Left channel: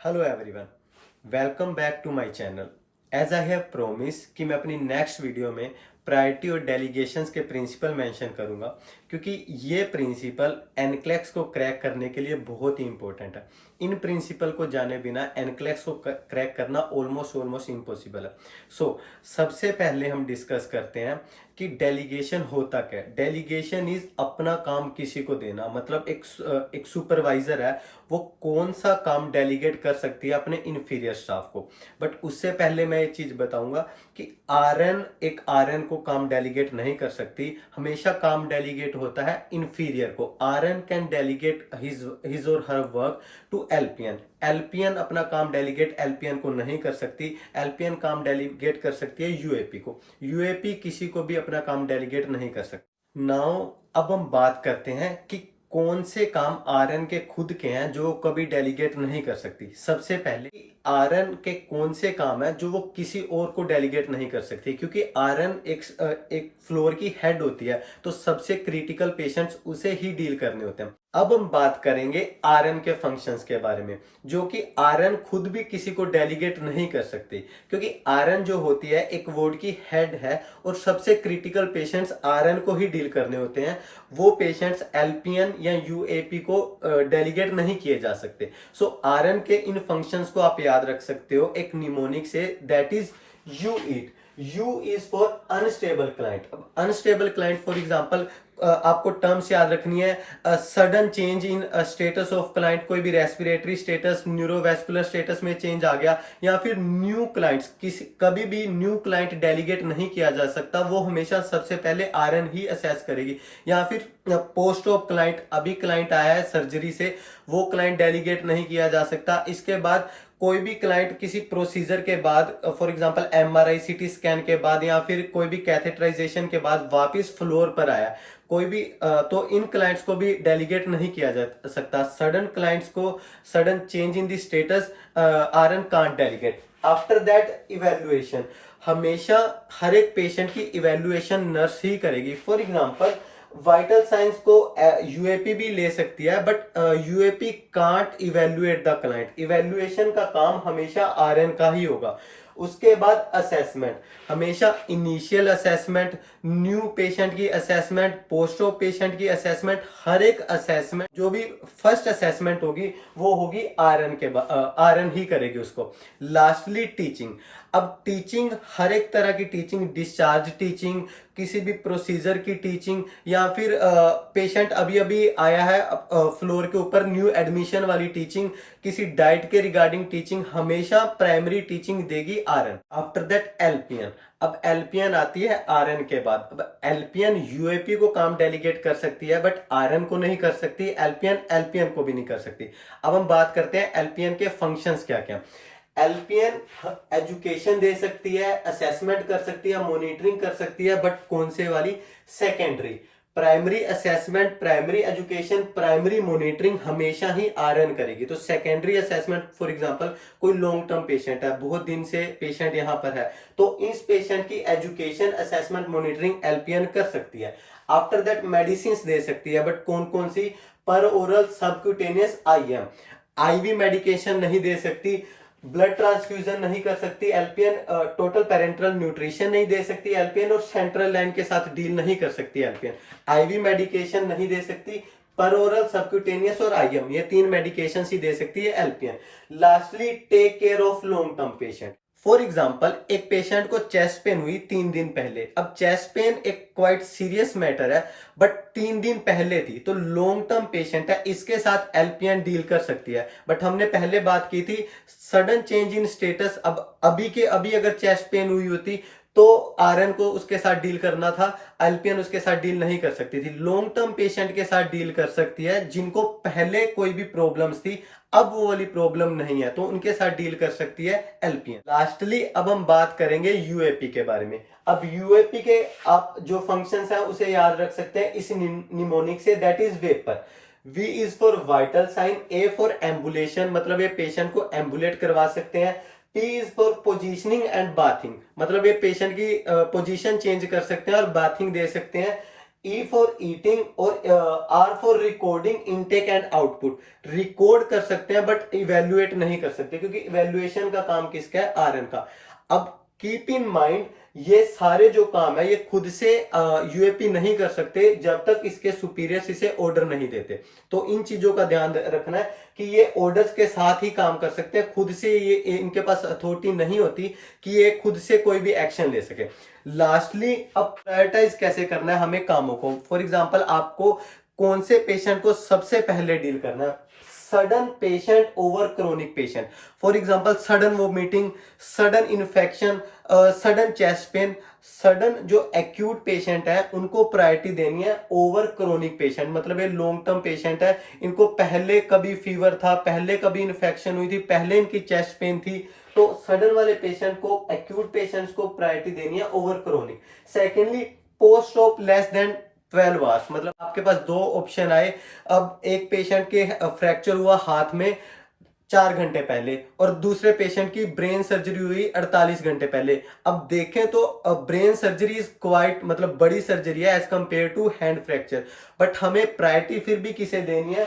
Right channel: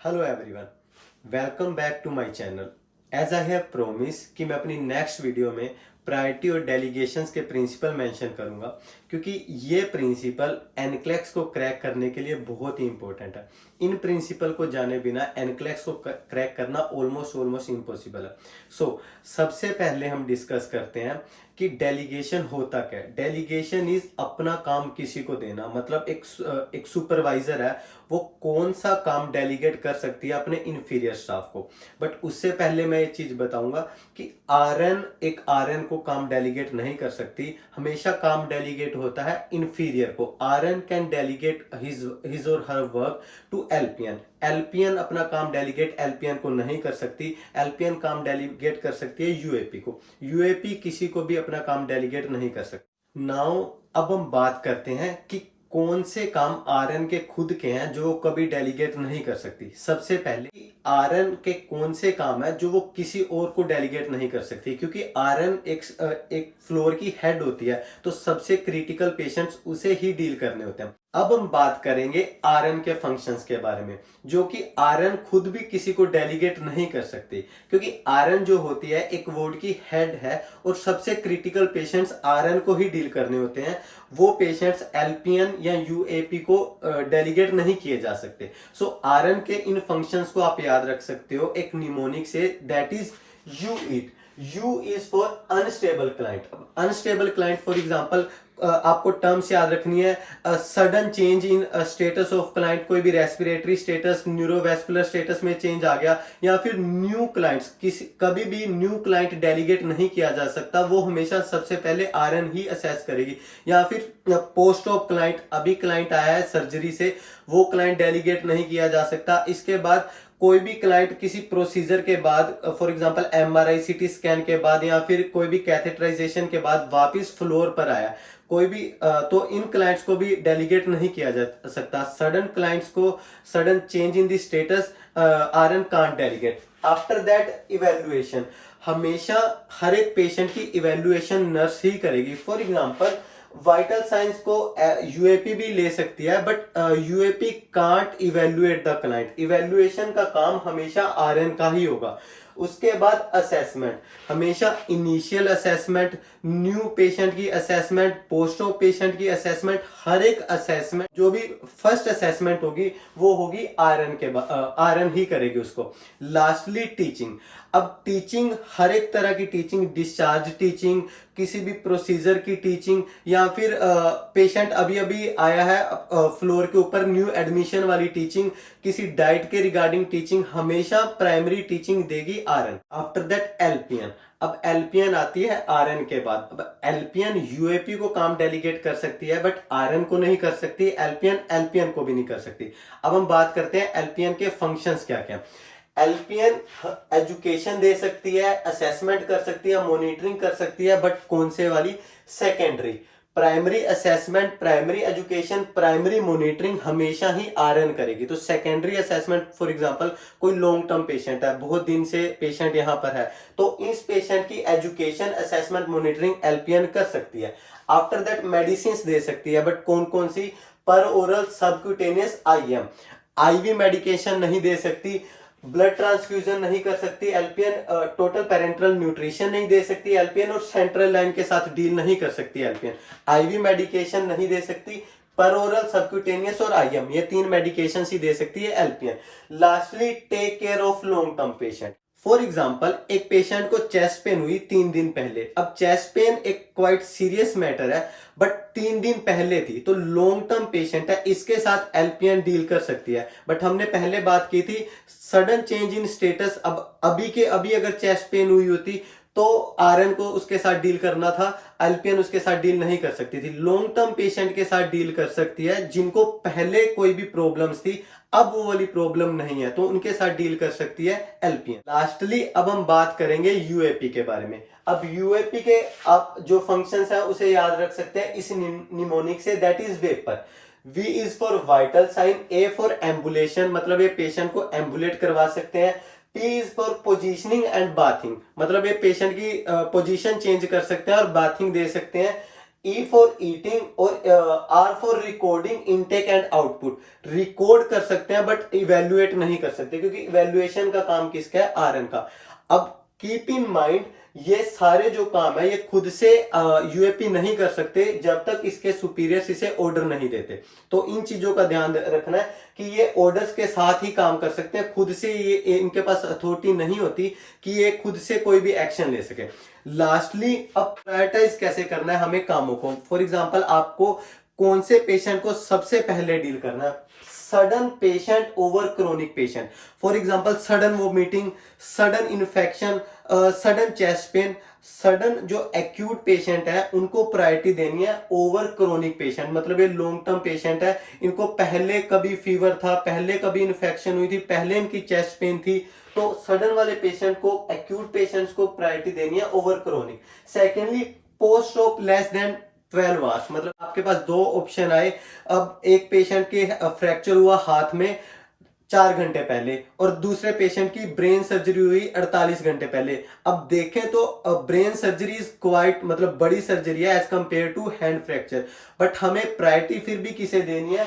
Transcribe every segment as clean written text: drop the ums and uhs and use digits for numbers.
Hello everyone, welcome back to my channel. As I have promise कि मैं अपनी next video में priority और डेलीगेशंस के प्रिंसिपल मेंशन करूंगा, क्योंकि ये प्रिंसिपल एनक्लेक्स को क्रैक करने के लिए बहुत ही इंपॉर्टेंट है। इन प्रिंसिपल को जाने बिना एनक्लेक्स को क्रैक करना ऑलमोस्ट इम्पॉसिबल है। सबसे पहले हम डिस्कस करते हैं कि डेलीगेशन होता क्या है। डेलीगेशन इज अपना काम किसी को देना, मतलब एक सुपरवाइजर है, वो कौन सा काम डेलीगेट कर सकती है अपने इंफीरियर स्टाफ को। बट उससे पहले मैं एक चीज बताऊंगा कि आरएन को काम डेलीगेट नहीं कर सकती। हमेशा काम डेलीगेट होता है इंफीरियर को। आरएन कैन डेलीगेट हिज और her work to LPN. LPN अपना काम डेलीगेट एलपीएन को नहीं कर सकती। एलपीएन काम डेलीगेट कर सकती है यूएपी को। यूएपी किसी को भी अपना काम डेलीगेट नहीं कर सकती। नाउ अब हम बात करते हैं कि कौन से काम आरएन के खुद के हैं जो कभी डेलीगेट नहीं कर सकती। सबसे पहले आरएन के कौन से काम है जो वो किसी और को डेलीगेट नहीं कर सकती, क्योंकि आरएन एक फ्लोर की हेड होती है, तो सबसे क्रिटिकल पेशेंट्स उसे ही डील करने होते हैं। अब हम बात करेंगे आरएन के फंक्शंस के बारे में, जो कि आरएन खुद भी किसी को डेलीगेट नहीं कर सकती, क्योंकि आरएन जो होती है एक वार्ड की हेड है और सबसे क्रिटिकल पेशेंट्स आरएन को ही डील करने होते हैं। वो पेशेंट्स एलपीएन या यूएपी को डेलीगेट नहीं किए जा सकते। आरएन के इन फंक्शंस को आप याद रख सकते हो एक निमोनिक से, that is you it. You is for unstable client. Unstable client for example आपको टर्म्स याद रखनी है। Sudden change in status of client, कोई भी रेस्पिरेटरी स्टेटस, न्यूरोवेस्कुलर स्टेटस में चेंज आ गया, या फिर न्यू क्लाइंट्स, किसी कभी भी न्यू क्लाइंट डेलीगेट नहीं किया जा सकता। वो हमेशा सबसे पहले आरएन ही असेस करेगी। या फिर पोस्ट ऑफ क्लाइंट, अभी क्लाइंट आया है सर्जरी से, वो क्लाइंट डेलीगेट नहीं किया जा सकता। इसके बाद कोई भी क्लाइंट किसी प्रोसीजर के बाद, for example MRI CT scan के बाद, या फिर कोई भी कैथेटराइजेशन के बाद वापस फ्लोर पर आया, कोई भी तो इन क्लाइंट्स को भी डेलीगेट नहीं किया जा सकता। सडन क्लाइंट्स को, sudden change in the status, RN can't delegate. After that evaluation, हमेशा हर एक पेशेंट की इवेल्युएशन नर्स ही करेगी। फॉर एग्जांपल वाइटल साइंस को यूएपी भी ले सकती है, but UAP can't evaluate the client. Evaluation का काम हमेशा आरएन का ही होगा। उसके बाद असेसमेंट, हमेशा इनिशियल असेसमेंट, न्यू पेशेंट की असेसमेंट, पोस्ट ऑफ पेशेंट की असेसमेंट, हर एक असेसमेंट जो भी फर्स्ट असेसमेंट होगी वो होगी आरएन ही करेगी उसको। Lastly teaching. अब टीचिंग, हर एक तरह की टीचिंग, डिस्चार्ज टीचिंग, किसी भी प्रोसीजर की टीचिंग, या फिर पेशेंट अभी अभी आया है फ्लोर के ऊपर, न्यू एडमिशन वाली टीचिंग, किसी डाइट के रिगार्डिंग टीचिंग, हमेशा प्राइमरी टीचिंग देगी आरएन। After that LPN. अब एलपीएन आती है आरएन के बाद। अब एलपीएन यूएपी को काम डेलीगेट कर सकती है, बट आरएन को नहीं कर सकती। एलपीएन एलपीएन को भी नहीं कर सकती। अब हम बात करते हैं एलपीएन के फंक्शंस क्या क्या। एलपीएन एजुकेशन दे सकती है, असेसमेंट कर सकती है, मॉनिटरिंग कर सकती है, बट कौन से वाली? Secondary. Primary assessment, primary education, primary monitoring हमेशा ही आरएन करेगी। तो सेकेंडरी असेसमेंट, फॉर एग्जांपल कोई लॉन्ग टर्म पेशेंट है, बहुत दिन से पेशेंट यहां पर है, तो इस पेशेंट की एजुकेशन, असेसमेंट, मॉनिटरिंग एलपीएन कर सकती है। आफ्टर दैट मेडिसिन दे सकती है, बट कौन कौन सी? पर oral, subcutaneous, IM. IV medication नहीं दे सकती, ब्लड ट्रांसफ्यूजन नहीं कर सकती एलपीएन, टोटल पेरेंटल न्यूट्रिशन नहीं दे सकती एलपीएन, और सेंट्रल लाइन के साथ डील नहीं कर सकती एलपीएन। आईवी मेडिकेशन नहीं दे सकती, पर ओरल, सबक्यूटेनियस और आईएम, ये तीन मेडिकेशन ही दे सकती है LPN. Lastly take care of long term patient. For example एक पेशेंट को चेस्ट पेन हुई 3 दिन पहले। अब चेस्ट पेन एक क्वाइट सीरियस मैटर है, बट 3 दिन पहले थी, तो लॉन्ग टर्म पेशेंट है, इसके साथ एलपीएन डील कर सकती है। बट हमने पहले बात की थी सडन चेंज इन स्टेटस। अब अभी के अभी अगर चेस्ट पेन हुई होती तो आरएन को उसके साथ डील करना था, एलपीएन उसके साथ डील नहीं कर सकती थी। लॉन्ग टर्म पेशेंट के साथ डील कर सकती है जिनको पहले कोई भी प्रॉब्लम्स थी, अब वो वाली प्रॉब्लम नहीं है, तो उनके साथ डील कर सकती है एलपीएन। लास्टली अब हम बात करेंगे यूएपी के बारे में। अब यूएपी के आप जो फंक्शंस हैं उसे याद रख सकते हैं इस निमोनिक से, that is vaper. V is for vital sign, A for ambulation, मतलब ये पेशेंट को एम्बुलेट करवा सकते हैं। P is for positioning and bathing, मतलब ये पेशेंट की पोजीशन चेंज कर सकते हैं और बाथिंग दे सकते हैं। ई फॉर ईटिंग और R for recording intake and output. Record कर सकते हैं बट इवेल्युएट नहीं कर सकते, क्योंकि इवेल्युएशन का काम किसका है, आरएन का। अब कीप इन माइंड, ये सारे जो काम है ये खुद से यूएपी नहीं कर सकते जब तक इसके सुपीरियर्स इसे ऑर्डर नहीं देते। तो इन चीजों का ध्यान रखना है कि ये ऑर्डर्स के साथ ही काम कर सकते हैं, खुद से ये इनके पास अथॉरिटी नहीं होती कि ये खुद से कोई भी एक्शन ले सके। लास्टली, अब प्रायोरिटाइज कैसे करना है हमें कामों को। फॉर एग्जांपल, आपको कौन से पेशेंट को सबसे पहले डील करना है, sudden patient over chronic patient. For example, sudden vomiting, sudden infection, sudden chest pain, sudden जो एक्यूट पेशेंट है उनको प्रायोरिटी देनी है ओवर क्रोनिक पेशेंट। मतलब ये लॉन्ग टर्म पेशेंट है, इनको पहले कभी फीवर था, पहले कभी इन्फेक्शन हुई थी, पहले इनकी चेस्ट पेन थी, तो सडन वाले पेशेंट को, एक्यूट पेशेंट्स को प्रायोरिटी देनी है over chronic. Secondly, post op less than 12 hours. मतलब आपके पास दो ऑप्शन आए। अब एक पेशेंट के फ्रैक्चर हुआ हाथ में 4 घंटे पहले, और दूसरे पेशेंट की ब्रेन सर्जरी हुई 48 घंटे पहले। अब देखें तो ब्रेन सर्जरी इज क्वाइट, मतलब बड़ी सर्जरी है as compare to hand fracture, but हमें प्रायोरिटी फिर भी किसे देनी है,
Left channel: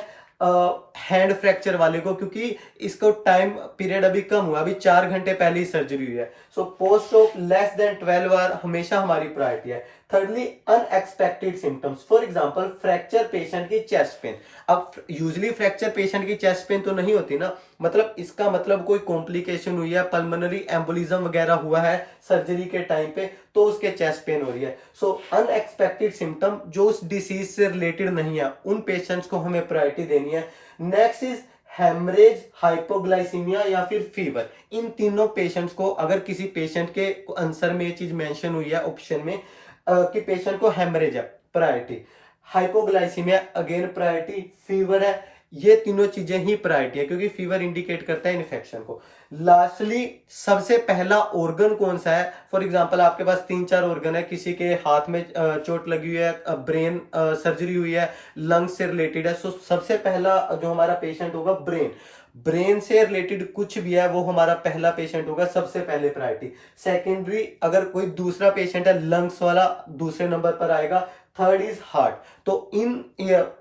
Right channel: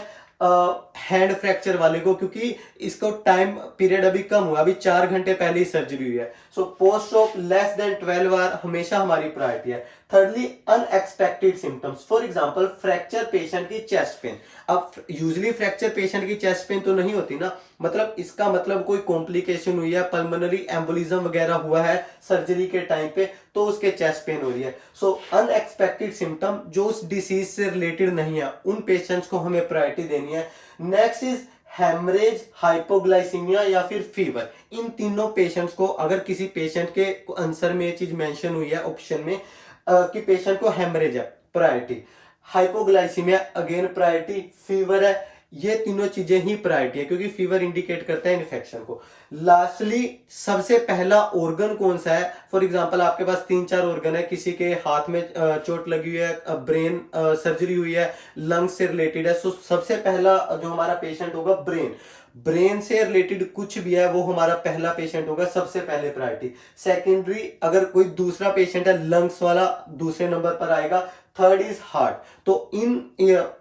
हैंड फ्रैक्चर वाले को, क्योंकि इसको टाइम पीरियड अभी कम हुआ, अभी 4 घंटे पहले ही सर्जरी हुई है। So post op less than 12 hour हमेशा हमारी प्रायोरिटी है। Thirdly, unexpected symptoms. For example, fracture patient की चेस्ट पेन। अब यूजुअली फ्रैक्चर पेशेंट की चेस्ट पेन तो नहीं होती ना, मतलब इसका मतलब कोई कॉम्प्लिकेशन हुई है, पल्मोनरी एम्बोलिज्म वगैरह हुआ है सर्जरी के टाइम पे, तो उसके चेस्ट पेन हो रही है। सो अनएक्सपेक्टेड सिम्टम जो उस डिसीज से रिलेटेड नहीं है, उन पेशेंट्स को हमें प्रायोरिटी देनी है। नेक्स्ट इज हेमरेज, हाइपोग्लाइसीमिया या फिर फीवर। इन तीनों पेशेंट्स को, अगर किसी पेशेंट के आंसर में ये चीज मेंशन हुई है ऑप्शन में कि पेशेंट को हेमरेज है, priority, hypoglycaemia again priority, fever है, ये तीनों चीजें ही प्रायोरिटी है, क्योंकि फीवर इंडिकेट करता है इन्फेक्शन को। लास्टली, सबसे पहला ऑर्गन कौन सा है। फॉर एग्जांपल, आपके पास 3-4 ऑर्गन है, किसी के हाथ में चोट लगी हुई है, ब्रेन सर्जरी हुई है, लंग्स से रिलेटेड है, सो सबसे पहला जो हमारा पेशेंट होगा ब्रेन, ब्रेन से रिलेटेड कुछ भी है वो हमारा पहला पेशेंट होगा, सबसे पहले प्रायोरिटी। सेकेंडरी, अगर कोई दूसरा पेशेंट है लंग्स वाला, दूसरे नंबर पर आएगा। Third is heart. तो इन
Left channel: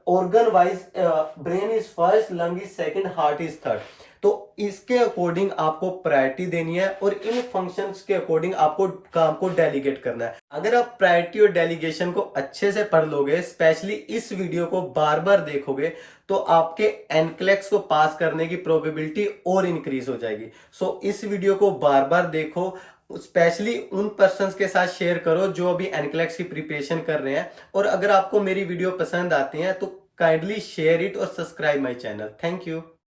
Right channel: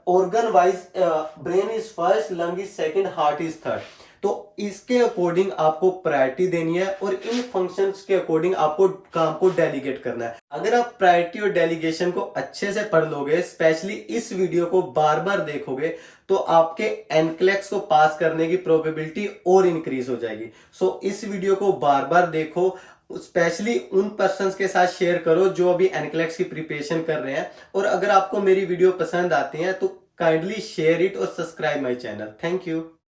organ wise brain is first, lung is second, heart is third. तो इसके अकॉर्डिंग आपको प्रायोरिटी देनी है और इन फंक्शंस के अकॉर्डिंग आपको काम को डेलीगेट करना है। अगर आप प्रायोरिटी और डेलीगेशन को अच्छे से पढ़ लोगे, स्पेशली इस वीडियो को बार बार देखोगे, तो आपके एनक्लेक्स को पास करने की प्रोबेबिलिटी और इंक्रीज हो जाएगी। सो इस वीडियो को बार बार देखो, स्पेशली उन पर्सन्स के साथ शेयर करो जो अभी एनक्लेक्स की प्रिपरेशन कर रहे हैं। और अगर आपको मेरी वीडियो पसंद आती है तो काइंडली शेयर इट और subscribe my channel. Thank you.